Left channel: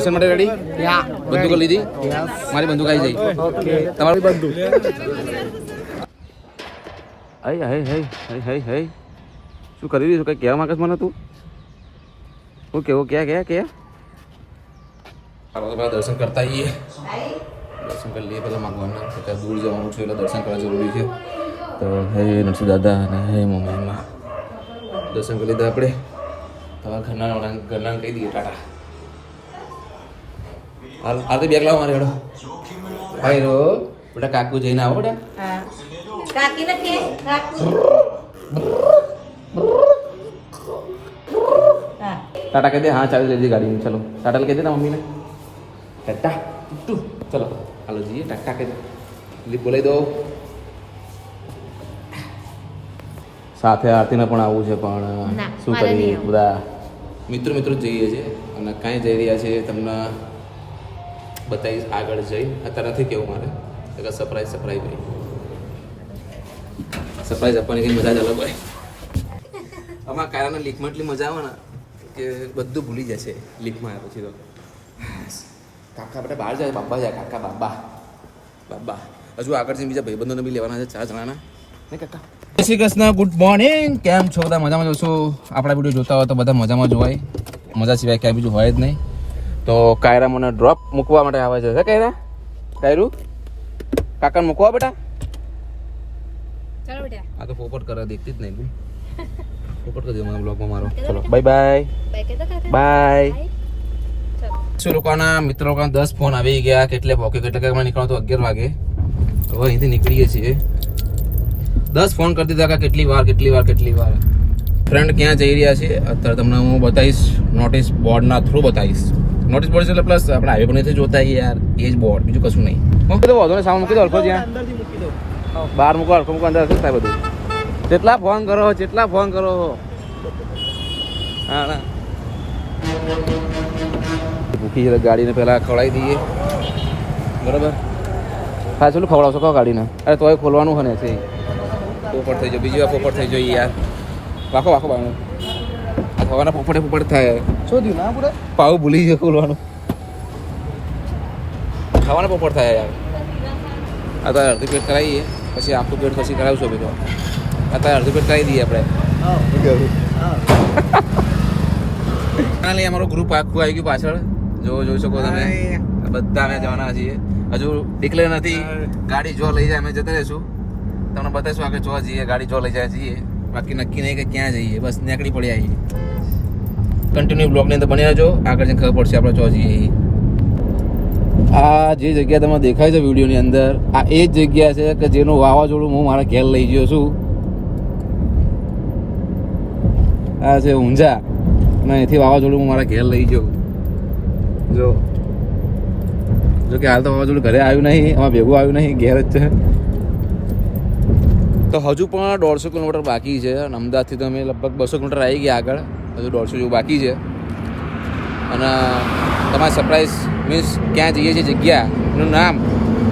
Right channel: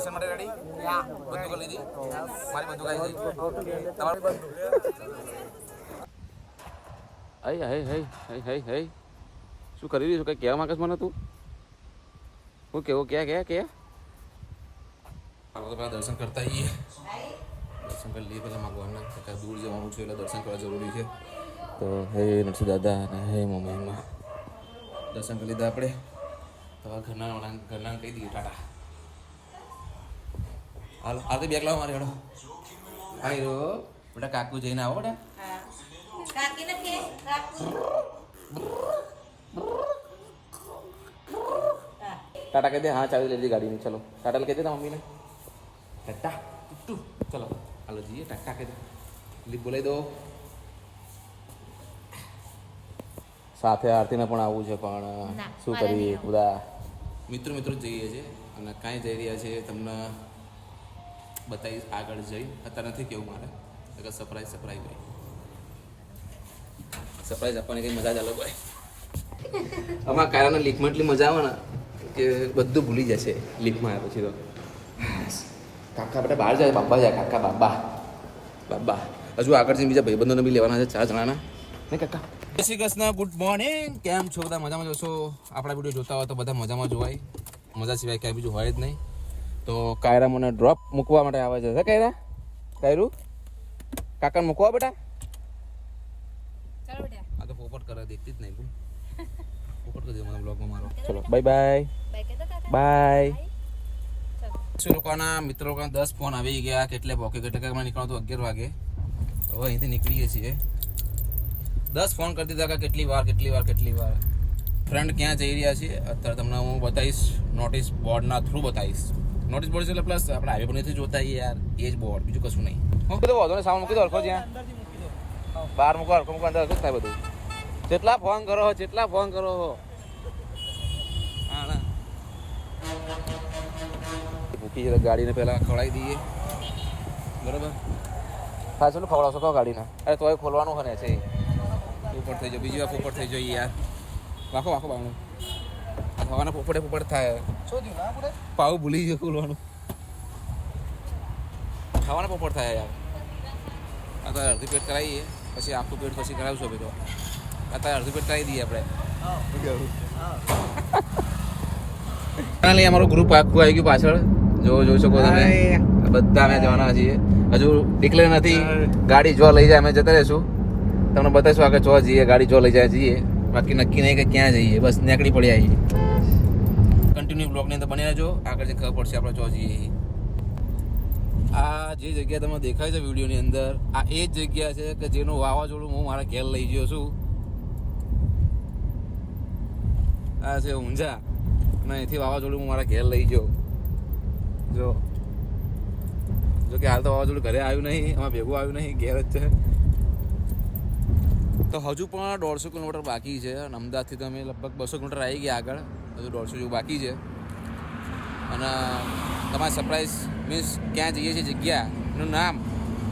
Mission માટે ready? બંદૂકો લીધી? મારી બંદૂક આવી જઈ. તમારી બંદૂક. હાય હાય હાય હાય હાય હાય શું કરી રહ્યું છું? કઈ કહેવા માંગે મને તું? શું કેવું? ક્યાં ચાલો તો પેલા દર્શન કરતા આવીએ. દર્શન કરી લઈએ પેલા ભગવાનના. દૂર જવાનું છે એટલે દર્શન કરવા જરૂરી છે. તો હે નરસિંહ દાદા અને હે મમ્મીમાં દર્શન કરી લીધા આપણે. તમારા ઘરના કહી દઈએ ટાટા. હાલ તો બેગ લાવો મારે હેડો. ભાઈ રો બેટા કાકુ જઈને આવો બેટા. ટાટા કહી દે. હા ચાવી લીધી ગાડી. ચલો ટાટા કહી દે ના મમ્મીને. ટાટા ટુ ચલો હાલો જઈએ. ટાટા કહી દે. બોલાવી દો. સાથે આરતીને પણ આવવું છે પણ શું કરીએ બધા મિત્રો જઈએ છીએ અને કાંઈ જઈ રહ્યા છે તમને બતાવીશ આગળ જઈ. અત્યારે નથી કેવું મારે સરપ્રાઈઝ ભાઈ સરપ્રાઈઝ આપવાની કંઈ મજા જ અલગ હોય. આમાં કારાના લીકમાં એટલી મજા આવે ને કે બધું ભૂલી જશે લીકમાં આવ્યા પછી તો. કાકા બેટા બહાર જાય. બાબા જાય. કાકા બાબા હજુ આગળ જઈને બીજા ભાઈબંધોને બી લેવાના છે 4 જણાના. નહીં કાકા? જય શ્રી કૃષ્ણ. Good morning. કેમ છો બધા? મજામાં જોશો? આપણા વિડીયો જોતા હોય તો બધા મજામાં જોવાય. મજા સિવાય ક્યાંય બીજું હોય જ નહીં. તો કાયરા મને ડ્રોપ મૂકવા માટે આવે છે. કાયરું કાકાને મૂકવા બેટા. ચાલો બેટા. આ તો પોપટ કરે દેખતી જ નહીં. બોલ પોપટ કરી દે મને બ્લોગમાં મારો. ચલો બાય બાય. શું લોકોના મિત્રો લોકોના 10 ફોન આવી ગયા. કેટલે પોકે કેટલે નીકળો તો 11 વાગે. હવે અહીંથી નીકળીએ છીએ. 10 ફોન કરી દીધા. કેટલી વાર ફ્રેન્ડ ક્યાં જઈ રહ્યા છે અત્યારે તમને હું બતાવીશ. નોટિસ બોર્ડના થ્રુ બતાવીશ. નોટિસ બોર્ડ છે એટલે પ્લસ આપણે હાઈવે પર નથી જોતા યાર. એ જ બોર્ડ, બીજું કશું નહીં. મૂકી દો વાંધો નહીં. સાઉન્ડ મૂકી દો. હલકો જ્યાં બહાર મૂકો. હલકો મૂકો. અંદર થાય બધું. જેટલા ફોન કરો હા ના મૂકી ગાડીને પહેલાં ખવડાવી દઈએ. બરાબર. હા ચાલું ખવડાવશો કહો ગાડીને? અરે તોય ખોલવાનું હોય ને છે. પોપટ થઈ જાય. બીજી વાર પોપટ થઈ જાય યાર. વાખો બાણું આ થવાના પોપટ થાય. શું થયું ના પૂરે? પાવ ભૂલી ગયો ખોલવાનું. ખાવાના પોપટ થાય યાર. આ તો અડધું પેટ કરાવીએ પછી આખું પેટ પછી કરાવશો બીજો. અત્યારે અડધું પેટ કરાવી દઈએ આપણે. ફાઇનલી અમારું ગ્રુપ આખું આવી ગયું પાછળ. જોઈ શકો તમે. બધા અમે જવાના છીએ. હજુ ડિક્લેર નથી. ગાડી જો લઈ જાય અમે જતા રહીશું. તમને બતાવીશું આગળ જો જઈએ. ગાડી જો લઈ જાય જઈએ. બાકી નક્કી નહીં કે ક્યાં જઈએ. બસ નીકળી પડી આવીએ. કન્ટિન્યુ બ્લોગની અંદર બની રહેજો. આગળ જઈને ખબર પડશે આપણે જો જઈએ. આ જે જગ્યા તમને દેખાય છે વિડીયોની અંદર આ એ જ જગ્યા છે કે જેનું વાવાઝોડું હું મારા ઘેર લઈ ગયો છું. આ છે ઊંઝા અને અહીંથી વાવાઝોડું હું મારા ઘેર લઈ ગયો. જો કે હાલ તો વાવાઝોડું ઘરે આવ્યું નહીં. એમાં ભેગું આવ્યું નહીં. ઘેર જ છે. તો હજુ પણ 150 કિલોમીટર બાકી છે. અને અમદાવાદથી તો અમે લગભગ 200 કિલોમીટર આવી ગયા આગળ. હજુ 150 જેવું બાકી છે. અને તમારે સરપ્રાઈઝ મીન્સ ક્યાં જઈએ છીએ જગ્યાનું નામ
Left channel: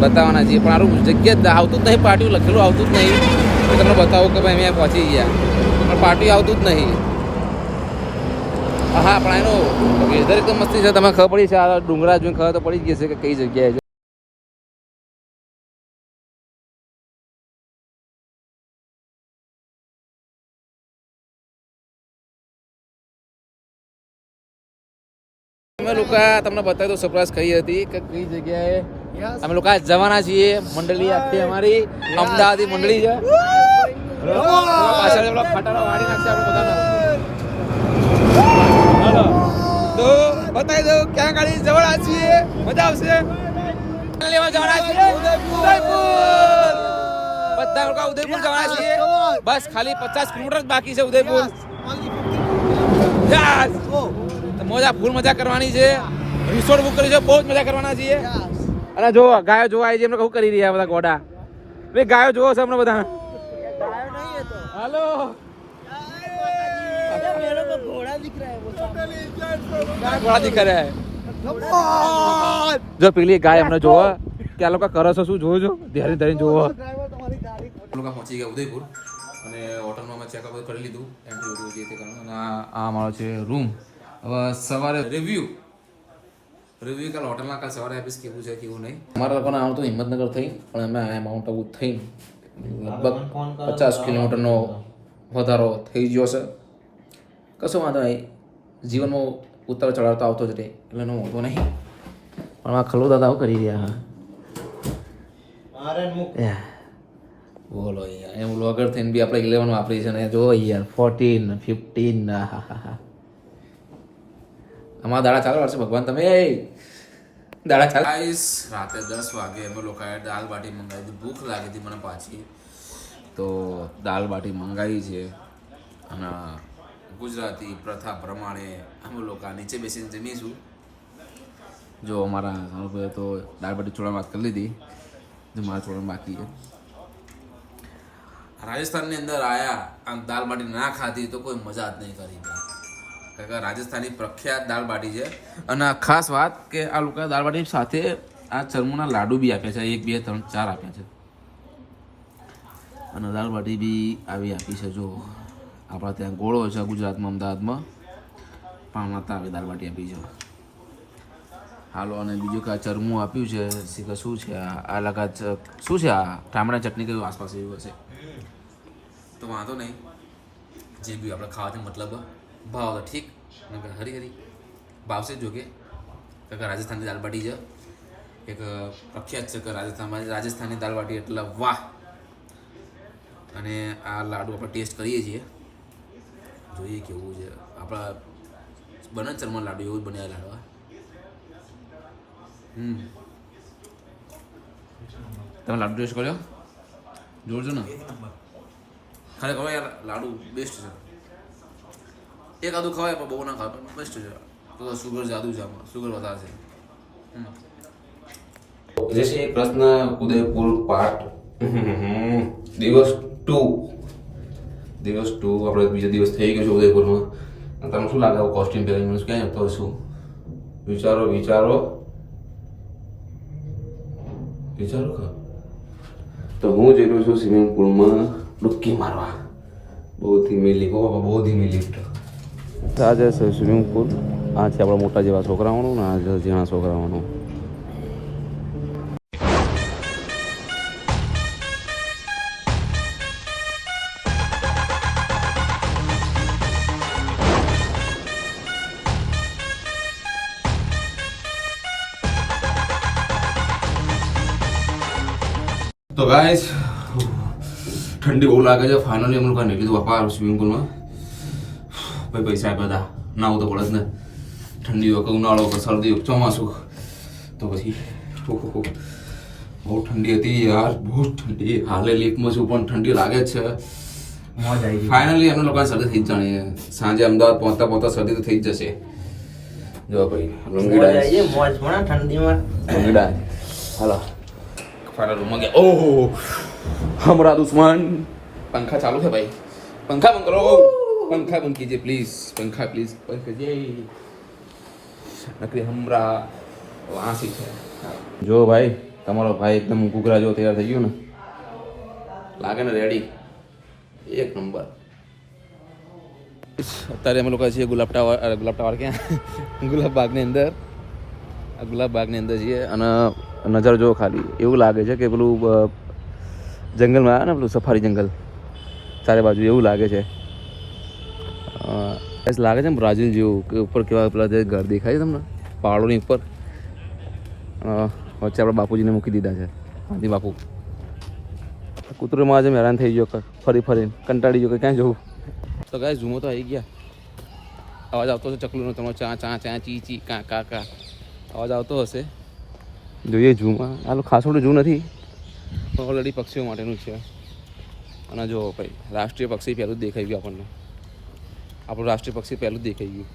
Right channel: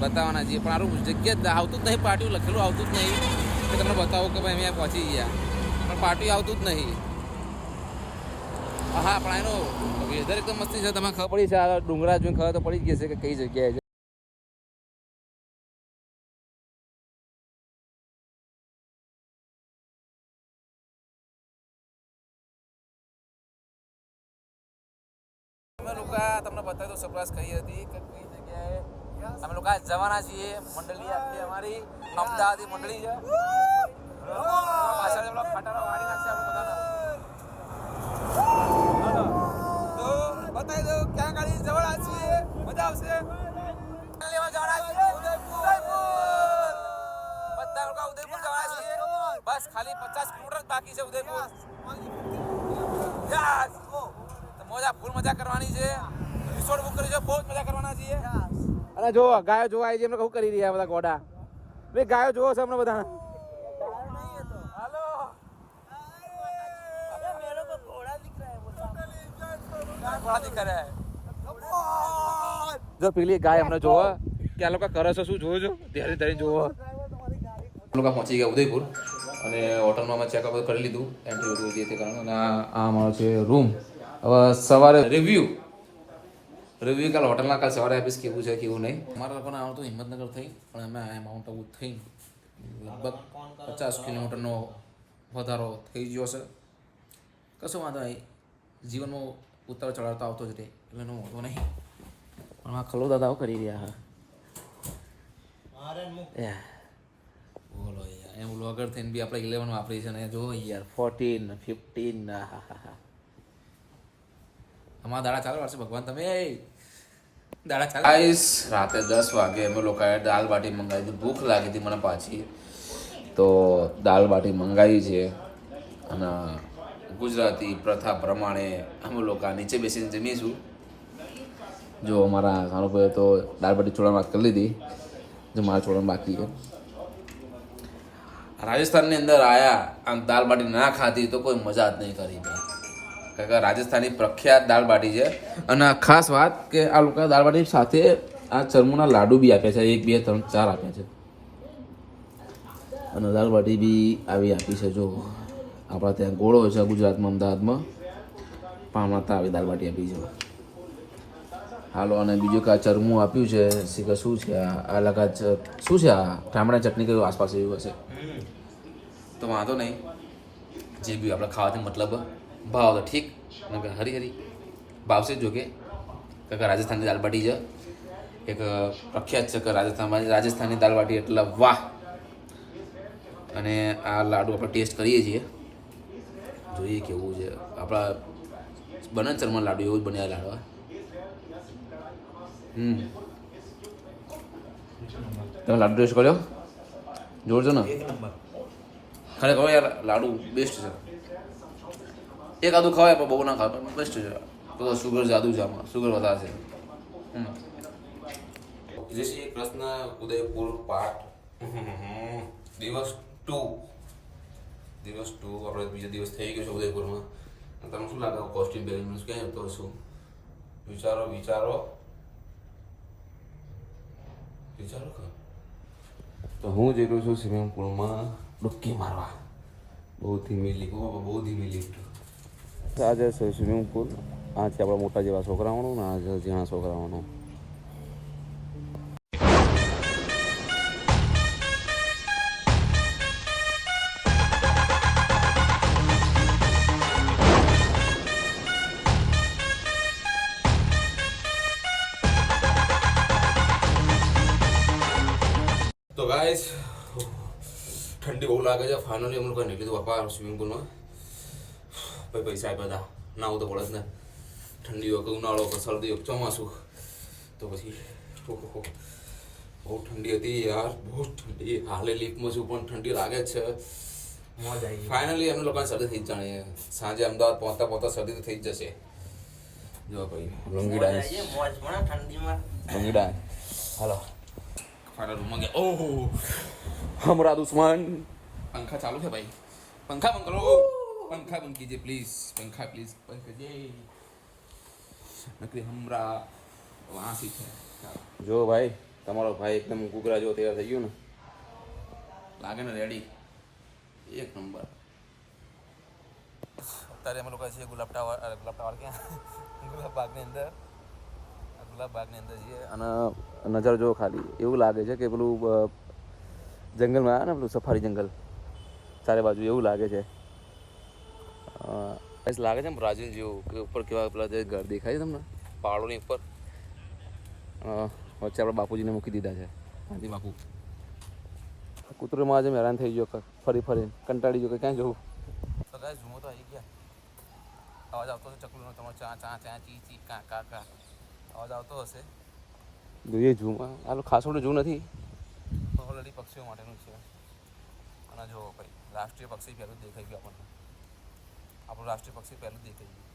બતાવવાના છીએ. પણ આરું જગ્યા આવતું જ નહીં. પાટિયું લખેલું આવતું જ નહીં. તો તમને બતાવું કે ભાઈ અમે પહોંચી ગયા પણ પાટિયું આવતું જ નહીં. હા પણ એનો વેધર એકદમ મસ્તી છે. તમે ખબર પડી છે. આ ડુંગરા જોઈને ખબર તો પડી ગઈ છે કે કઈ જગ્યાએ છે. અમે લોકો તમને બતાવી દો સરપ્રાઈઝ કઈ હતી કે કઈ જગ્યાએ અમે લોકો જવાના છીએ. મંડળી આખી અમારી અમદાવાદી મંડળી છે. પાછળ ખટારો વાળી નાખશે આપણે બધાને. તો બતાવી દો ક્યાં ગાડી જવાના છીએ. મજા આવશે. લેવા જવાના છીએ ઉદયપુર. બધા લોકો ઉદયપુર જવાના છીએ. બસ ખાલી 50 કિલોમીટર જ બાકી છે ઉદયપુર. મોજા ફૂલ મજા કરવાની છે. રિસોર્ટ બુક કરી છે. બહુ જ મજા કરવાના છીએ. અને જો ગાયો જોવા આવી છે. એમને કહું કરી રહ્યા બધા ગોડા. ભાઈ ગાયો જોવો છે અમને બધા. હાલો ઘોડા દીખ રહ્યા. જો પેલી ગાય અમને જોવા કે આ લોકો કરે છે શું જોજો. ધ્યાન ધરીને જોવો. લોકો પહોંચી ગયા ઉદયપુર અને હોટલમાં અમે ચેકઅપ કરી લીધું. એન્ટ્રી બધું જે તે કારણ. અને આ અમારો છે રૂમ. હવે સવારે રિવ્યુ રિવ્યુ કાલ હોટલના કાલ સવારે આપીશ કેવું છે કેવું નહીં. અમારા લોકોને આવતું હિંમતનગર થઈ પણ અમે આ માઉન્ટ આબુ થઈ લગભગ 50 કિલોમીટરનો વધારો થઈ ગયો છે. કશો વાંધો નહીં, જીવનમાં ઉતાર ચઢાવ તો આવતો જ રહે એટલે એનો વાંધો નહીં. પણ આ ખલો દાદા આવું કરી રહ્યા બોલો યાર, એમ વ્લોગર થઈને બી આપણે 11 વાપરી છે ને જો યાર 14 15 અમારા દાડા ચાલુ વર્ષે ભગવાન તમે દાડા ચાલુ. રાતે 10 વાગે અમે લોકોએ દાલ બાટી મંગાવી હતી. ભૂખ લાગી હતી મને પાછી તો દાલ બાટી મંગાવી છે અને ગુજરાતી પ્રથા પ્રમાણે અમે લોકો નીચે બેસીને જમીશું. જો અમારા સારુભાઈએ તો દાળ બાટી ચોળાની વાત કરી લીધી, જો મારા ચોળાની બાકી છે. રાજસ્થાનની અંદર આયા આમ દાલ બાટી ના ખાધી તો કોઈ મજા જ નહીં કરી. કારણ કે રાજસ્થાની પ્રખ્યાત દાલ બાટી છે. અને ખાસ વાત કે આ લોકો દાલ બાટી સાથે આ ચરમુના લાડુ બી આપ્યા છે, 1 2 3 4 આપ્યા છે. અને દાલ બાટી બી આવી આપી છે. જો આપણા ત્યાં ગોળો છે ગુજરાતમાં અમદાવાદમાં પામણાતા આવી દાલ બાટી આપી છે. હાલો, અને બીજું કે આ ચરમું આપ્યું છે શીખર શું છે આ લગા શું છે આ ટામડા ચટણી કયું આસપાસ એવું હશે તો વાંધો નહીં. જે બી આપણે ખાવાથી મતલબ ભાવ તો ઠીક, હરી હરી ભાવશે જ. જો કે રાજસ્થાનની દાલ બાટી છે એક પ્રખ્યાત છે કે રાજસ્થાનની દાલ બાટી એટલે વાહ. અને આ લાડુ આપણે ટેસ્ટ કરીએ છીએ, જોઈએ કેવું છે. આપણા બને ચરમન લાડુ એવું જ બન્યા લાડવા. તમે લાડુ ટેસ્ટ કર્યો? જોરજો ને, ખરેખર યાર લાડુ બેસ્ટ છે. એક આદું ખવાય પણ બહુ ના ખાવ બેસ્ટ છે. તો સુગર જાદુ છે આમાં, સુગર વધારે છે. જે છે કૃષ્ણ ઉદયપુર પાર્ટ દિવસ 2 આપણે બીજો દિવસ થઈ ગયો છે ઉદયપુરમાં. તમને શું લાગે કોસ્ટ્યુમ પહેરીને ક્યાં જતો હશું? વિચારો ખા. તો હું જઈ રહ્યો છું સ્વિમિંગ પુલમાં ડૂબકી મારવા. બહુ ધીમી લિફ્ટ. આ જે છે સ્વિમિંગ પુલ, આ છે આપણા મોટા જેવા છોકરાઓનું ને આ છે ઝીણા છોકરાઓનું. તો ગાઈસ ઠંડી બહુ લાગે છે. ફાઇનલી અમે લોકો નીકળી દીધું બાપા સ્વિમિંગ પુલમાં. ભાઈ પૈસા બધા ના આવું તો પડે જ ને. ઠંડી હોય કે ઉનાળો કે શરદી હોય ચોમાસું તો પછી બહુ ઠંડી હતી યાર, બહુ ઠંડી. હાલે લીફમાં છું પણ ઠંડી લાગે જ છે. ફાઇનલી અમે લોકોને શરદી થઈ જ જાણીએ. સાંજે અમદાવાદ પહોંચતા શરદી તો થઈ જ જશે. જો ભાઈ ઠંડીમાં હાલો फाइनल रूम में गया. ओह हमारा दुश्मन. पंखा चालू है भाई, पंखा बंद करो, पंखा बंद कीजिए प्लीज, पंखा प्लीज बंद कीजिए. नकली हमरा वहाँ से है. जो भाई તમારો ભાઈ એકદમ ઘૂઘરા જેવો તૈયાર થઈ ગયો ને, લાગે ને રેડી એક નંબર. અત્યારે અમે લોકો છીએ ગુલાબ ટાવર ક્યાં ગુલાબ બાગની અંદર. આ ગુલાબ બાગની અંદર છીએ અને નજર જો ખાલી એવું લાગે છે કે પેલું જંગલમાં આવે ને પેલું સફારી જંગલ ચારે બાજુ એવું લાગે છે. લાગે છે ને બ્રાઝિલ જેવું કે ઉપર કેવા પેલા જે ઘર દેખાય છે તમને પહાડોની ઉપર. વચ્ચે આપણા બાપુજીને મૂકી દીધા છે, હાથી બાપુ. કૂતરોમાં આજે હેરાન થઈ ગયો ફરીને કંટાળી ગયો કે ક્યાં જવું. તો ગાય ઝૂમો તો આવી ગયા. અવાજ આવતો હશે ચકલુનો, તમારો ચા ચા ચા ચી ચી કા કા કા અવાજ આવતો હશે. જોઈએ ઝૂમાં. આ ખાસોડું ઝૂ નથી, ઓલરેડી પક્ષીઓ માટેનું છે. અને જો ભાઈ રાષ્ટ્રીય પક્ષી પહેલું જ દેખાઈ ગયું આપણને. આપણું રાષ્ટ્રીય પક્ષી પહેલું જ દેખાઈ ગયું.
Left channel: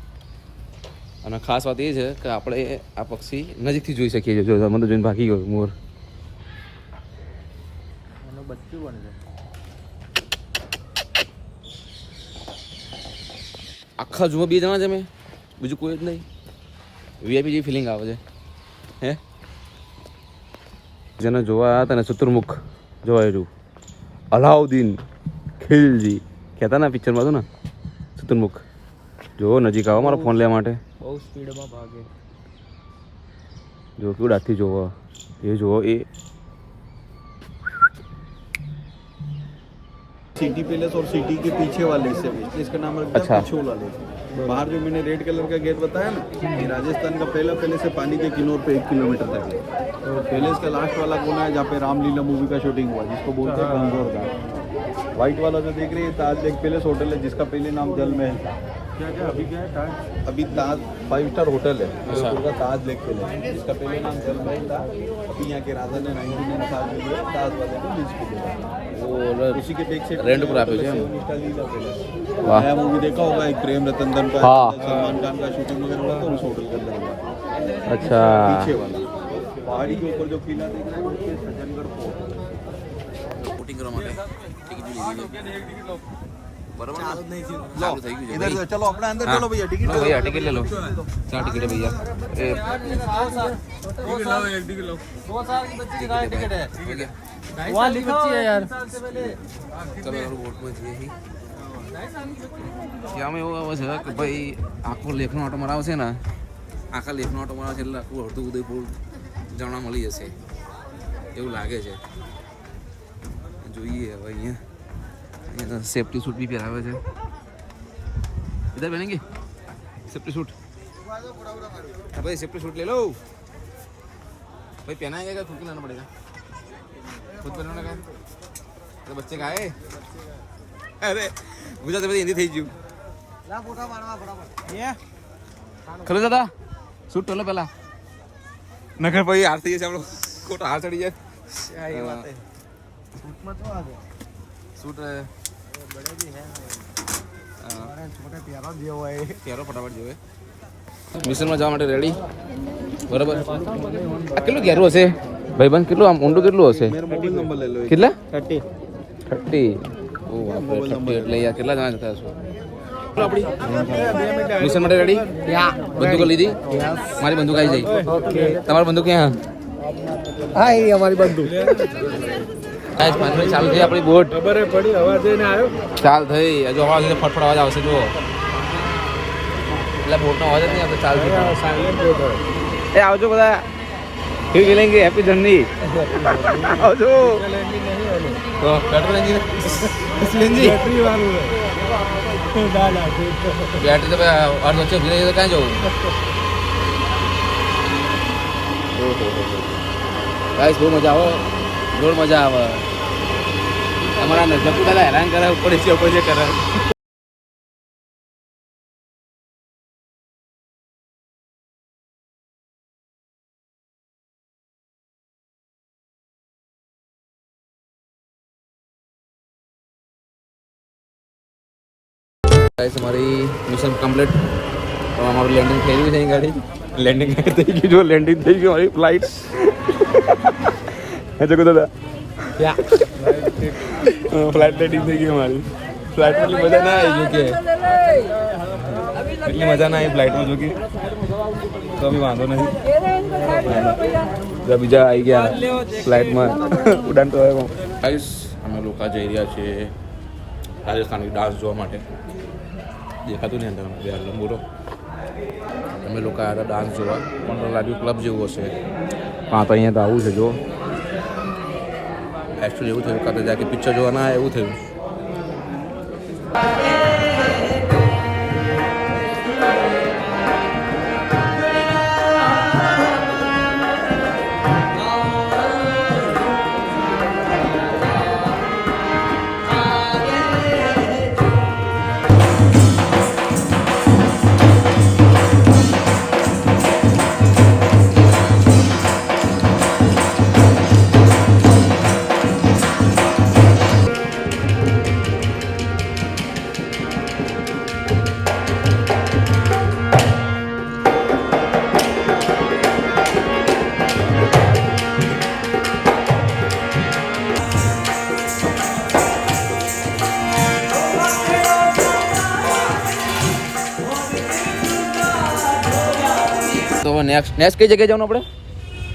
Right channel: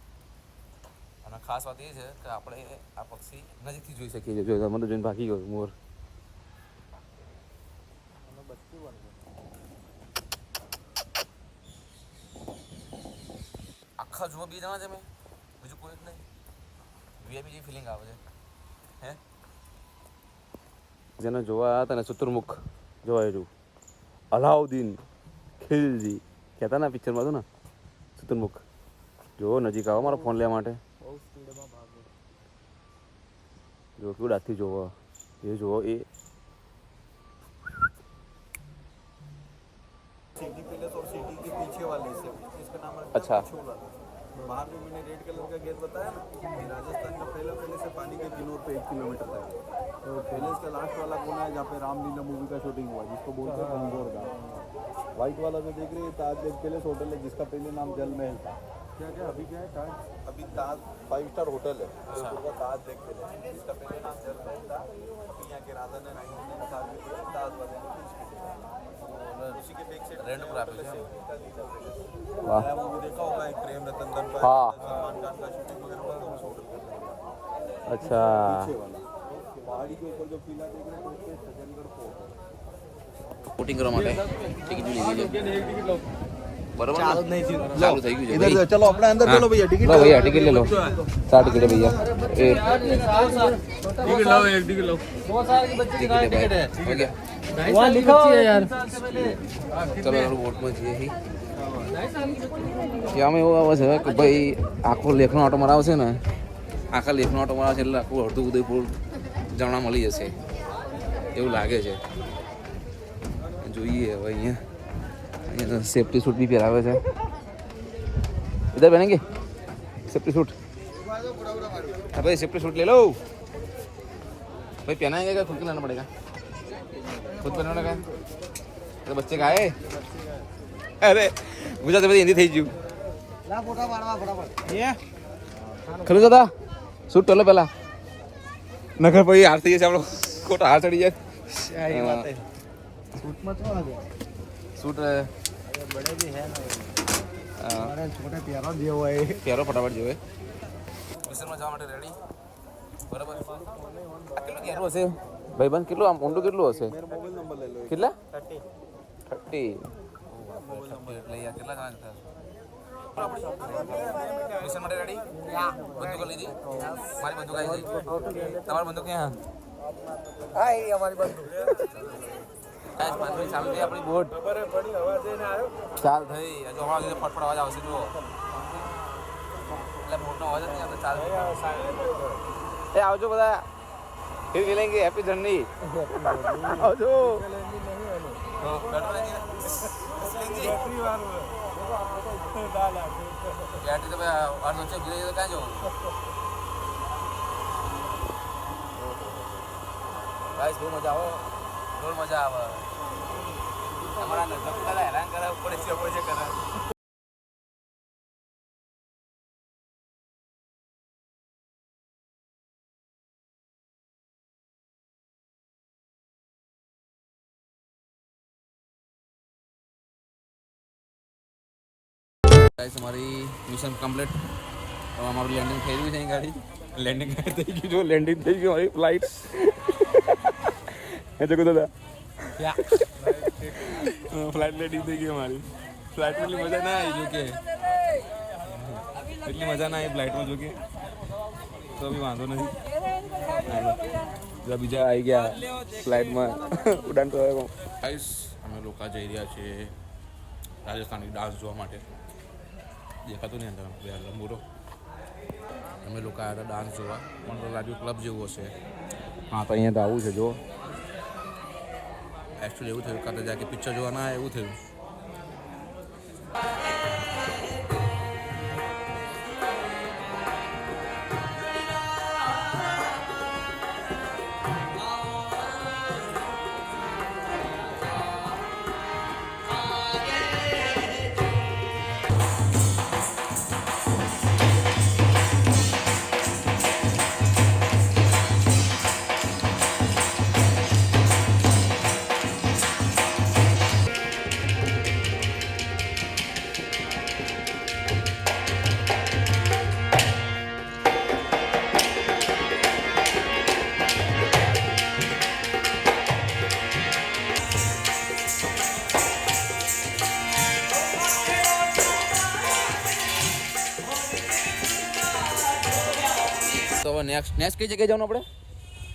અને ખાસ વાત એ છે કે આપણે આ પક્ષી નજીકથી જોઈ શકીએ છીએ. જો મને જોઈને ભાગી ગયો મોર. આખા જુઓ 2 જણા છે મેં, બીજું કોઈ જ નહીં. વીઆઈપી જેવી ફિલિંગ આવે છે. હે જેને જોવા આવ્યા હતા ને ચતુર્મુખ જોવા રહ્યું અલાઉદ્દીન ખિલજી કહેતા ને પિક્ચરમાં હતું ને ચતુર્મુખ. જો નજીક આવો મારો ફોન લેવા માટે. બહુ સ્પીડમાં ભાગે. જો કેવું ડાથી જોવો એ જોવો એ सिटी पैलेस और सिटी के पीछे वाले हिस्से में, इसका नाम रखा अच्छा। है पिछोला लेक। बाहर जो मैंने रेड कलर का गेट बताया ना, ये राजस्थान का पहला पैलेस है, पानी के किनारे पे 1 किलोमीटर तक है। तो पैलेस का लास्ट वाला कोना है जहाँ पे रामलीला मूवी का शूटिंग हुआ, जिसको बोलते हैं गंगोर घाट। व्हाइट वाला जो देख रहे हैं ताज लेक पैलेस होटल है, जिसका पहले नाम जल महल था। अभी ताज 5 स्टार होटल है, का ताज लेक पैलेस, जिसका पहले नाम जल महल था। अभी यहाँ के राजा ने 1997 में लिया, ताज वाले ने लीज को दिया। उसी के बैक से रेंट पर आते हैं वाह, नया मूवी देखा होगा एक प्रेम रतन धन का, हाँ। सलमान खान का शूटिंग वगैरह हुआ था उस होटल के अंदर हुआ। अच्छा पीछे वाला पहाड़ी के ऊपर जो किला दिख रहा है वो सज्जनगढ़ फोर्ट। શૂટિંગ કરવા માટે ટિકિટ લીધી છે બરાબર ચાલુ જ નહીં થયું ચાલુ થઈ ગયું છે इधर चलो अपना अंदर चलो भैया टिकट लो भैया टिकट ले लो 4 टिकट है भैया टिकट लाओ एक टिकट लाओ 2 साल की बच्ची का टिकट है हो गया वहाँ लिखा हुआ है यार ચલો યાર વોટ માં જઈએ હી યામાં એવું આવે છે કે ભાઈ આખો લેખનો ઓટો મરાવશે ને આખા લેખનો ઓટો મરાવશે એટલે આખું અડધું ઉદયપુર જાણવા મળી જશે એવું લાગે છે જોઈએ હવે અહીંયા सेफ्टी सूट भी पहरावे है इधर पहनेंगे सेफ्टी सूट भाई सेफ्टी सूट ले लो भाई पहनाएंगे क्या खुद को लाना पड़ेगा खुद पहनने का तो बच्चे का है अरे मुझे तो हिंदी थी जू खलो दादा सूट टोलो पहला नगर भाई आरती है हम लोग कोट हार चढ़ी जाए सूट में तो आ गया सूट बड़े भी है ना छोटे प्यारा दिया हुआ है प्यारो फटाफट जो है મિશન માં જવા માટે રેડી બરાબર આ કેટલું ઘેરું હશે ભાઈબંધ કેટલું આમ ઊંડું કેટલું હશે मोबाइल नंबर ले लो કેટલા 30 30 ઓ બાપરે 30 એટલે યાર કેટલા જણા જતા હશો આપણી મિશન માટે રેડી બંદૂકો લીધી મારી બંદૂક આવી જાય ओके તમારી બંદૂક ક્યાં हाय हमारी बंदूक ગાઈસ પાણી ચાલુ થઈ આપણી બોટ ખબર પડી હવા જઈને આવ્યો ચાલ થઈ હજુ હવા ફટફટ અવાજ આવશે જો એટલે બોટનો અવાજ જ નહીં આવતો ચાલ થઈ સાયલેન્ટ બોટ હોય એ આવજો બધા ફિર મિલેંગે હેપી જર્ની આવજો તો પેટ્રોલ એન્જિન સીએનજી બેટરી વાળું है ના ના બેટરી તો ભાઈ અર્ધ વચ્ચે ઉભી રહી તો ક્યાં જવું ગાઈસ બહુ મજા આવે જોર મજા આવે અમારા નજકુ દાદા હેરાન કરે ઉપર છે કરે ગાઈસ અમારી મિશન કમ્પ્લીટ તો અમારું લેન્ડિંગ થઈ ગયું છે અહીં ગાડી લેન્ડિંગ થઈ ગયું જો લેન્ડિંગ થઈ ગયું અમારી ફ્લાઇટ જગુ દાદા ફ્લાઇટ લેન્ડિંગ થઈ ગઈ અમારી ફ્લાઇટમાં એટલી મજા ના આવી જો કે એટલી મજા ના આવી ફ્લાઇટમાં જો કે તો બી વાંધો નથી બીજા આવી ગયા ફ્લાઇટમાં ઉડાન તો ગાઈસ અમે લોકો જઈ રહ્યા છીએ રાજસ્થાની ડાન્સ જોવા માટે દેખાતું નહીં અંદર બે લંબુરો અમે લોકો આવ્યા ડાન્સ જોવા પણ લાગ્યું ક્લબ જેવું હશે પણ તો અહીંયા તો આવું છે જો એકચ્યુઅલી એવું થયું કાં તો જ્યાં કે પિક્ચર જોવા ના એવું થયું तो नेक्स्ट कई जगह जाऊँ अपने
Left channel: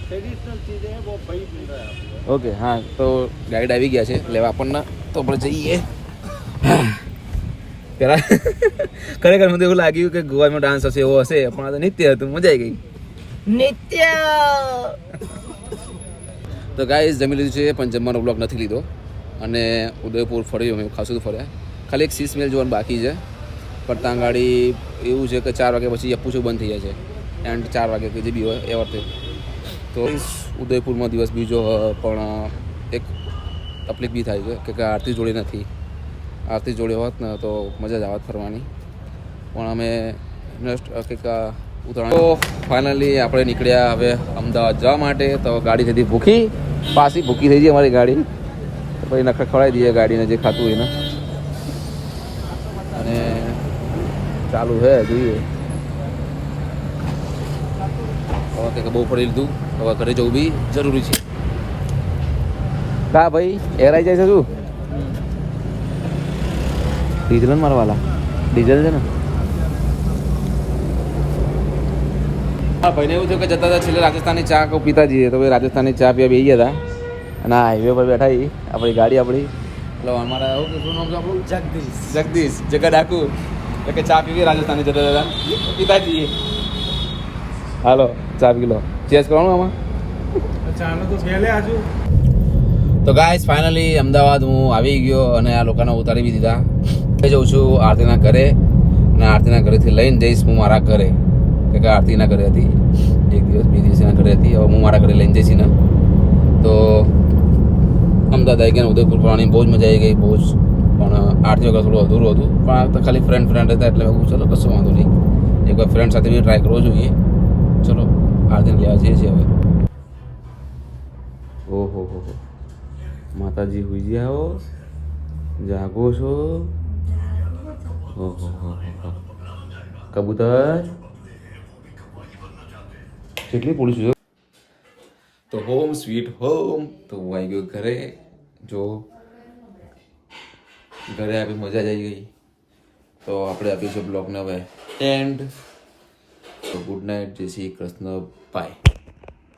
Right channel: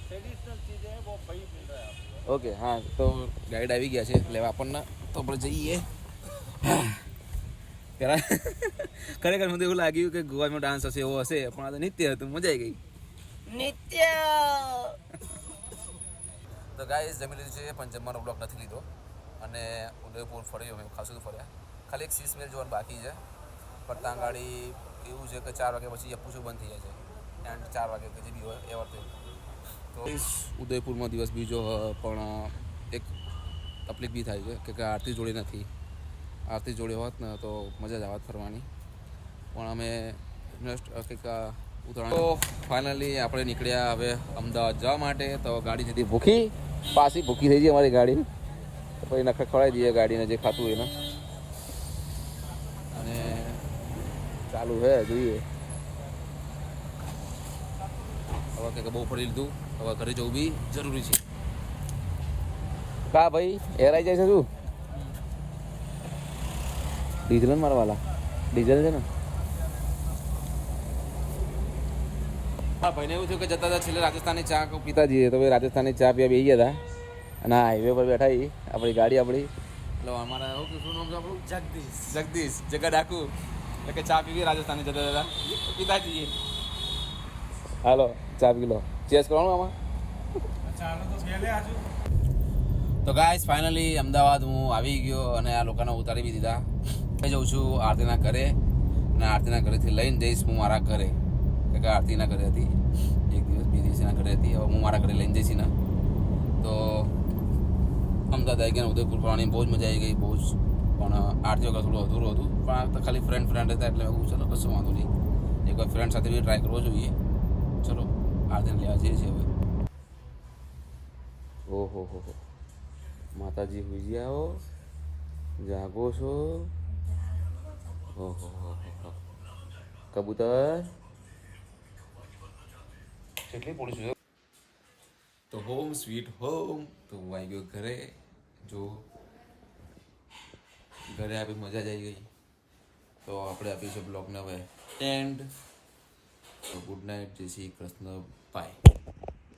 ट्रेडिशनल चीजें हैं वो भाई मिल रहा है आपको ओके हाँ तो गाइड આવી ગયા છે લેવા આપણને તો આપણે જઈએ પેલા ખરેખર મને એવું લાગ્યું કે ગોવામાં ડાન્સ હશે એવો હશે પણ આ તો નિત્ય હતું મજા આવી ગઈ નિત્ય તો ગાઈસ જમી લીધું છે પણ જમવાનો બ્લોગ નથી લીધો અને ઉદયપુર ફરી અમે ખાસું ફર્યા. ખાલી એક શીશ મહેલ જોવાનું બાકી છે પણ ત્યાં ગાડી એવું છે કે 4 વાગ્યા પછી અપ્પુ શો બંધ થઈ જાય છે એન્ડ 4 વાગે કે જે બી હોય એ વખતે. તો ઉદયપુરમાં દિવસ બીજો પણ એક તકલીફ બી થાય છે કે આરતી જોડે નથી. આરતી જોડે હોત ને તો મજા જ આવત ફરવાની પણ અમે કંઈક ઉતરાણ. તો ફાઇનલી આપણે નીકળ્યા હવે અમદાવાદ જવા માટે. તો ગાડી થતી ભૂખી પાછી ભૂખી થઈ ગઈ અમારી ગાડી. તો પછી નખર ખવડાવી દઈએ ગાડીને જે ખાતું હોય ને. અને ચાલુ છે જોઈએ હવે કંઈક બહુ ફરી લીધું હવે ઘરે જવું બી જરૂરી છે. કા ભાઈ એરાઈ જાય છે શું ડીઝલ ને મારવાલા ડીઝલ છે ને. હા ભાઈને એવું થયું કે જતા હતા છેલ્લે રાજસ્થાની ચા પીતા જઈએ. તો ભાઈ રાજસ્થાની ચા પીવા બેસી ગયા હતા અને આ હાઈવે પર બેઠા આપણી ગાડી આપણી એટલે અમારા શું નામ છે આપણું જગદીશ જગા ડાકુ એટલે કે ચા પીવી રાજસ્થાની જતા હતા પીતા જઈએ. હાલો ચા પી લો ચેસ કરવાનું આમાં ચાલો તો પહેલે આજુ. તો ગાઈસ ફાઇનલી અમદાવાદ હું આવી ગયો અને આ લોકોને ઉતારી બી દીધા. જઉં છું આરતીના ઘરે અને આરતીના ઘરેથી લઈને જઈશ હું મારા ઘરે કે આરતીના ઘરે હતી એક દિવસ 2 દિવસ એના ઘરે હતી. હવે હું મારા ઘરે લઈને જઈશ ને. તો અમદાવાદ આવી ગયા ઉદયપુર ફરવાની બહુ જ મજા આવી ગઈ બહુ જ. પણ આરતી વગર થોડું અધૂરું હતું પણ તો ખાલી ફ્રેન્ડ હતા એટલે હું ચલો કશું વાંધો નહીં એકવાર ફ્રેન્ડ સાથે બી ટ્રાય કરવો જોઈએ. ચલો આરતીને લેવા જઈએ છીએ હવે. ઓહો હો માતાજી હોઈ જાઓ જાગો છો. ઓહો કબૂતર કેટલી પોલીસ છે. તો હોમ સ્વીટ હોમ. તો હું આવી ગયો ઘરે. જો ઘરે આવી મજા જ આવી ગઈ. તો આપણે આપીશું બ્લોગને હવે એન્ડ. તો ગુડ નાઇટ જય શ્રી કૃષ્ણ બાય.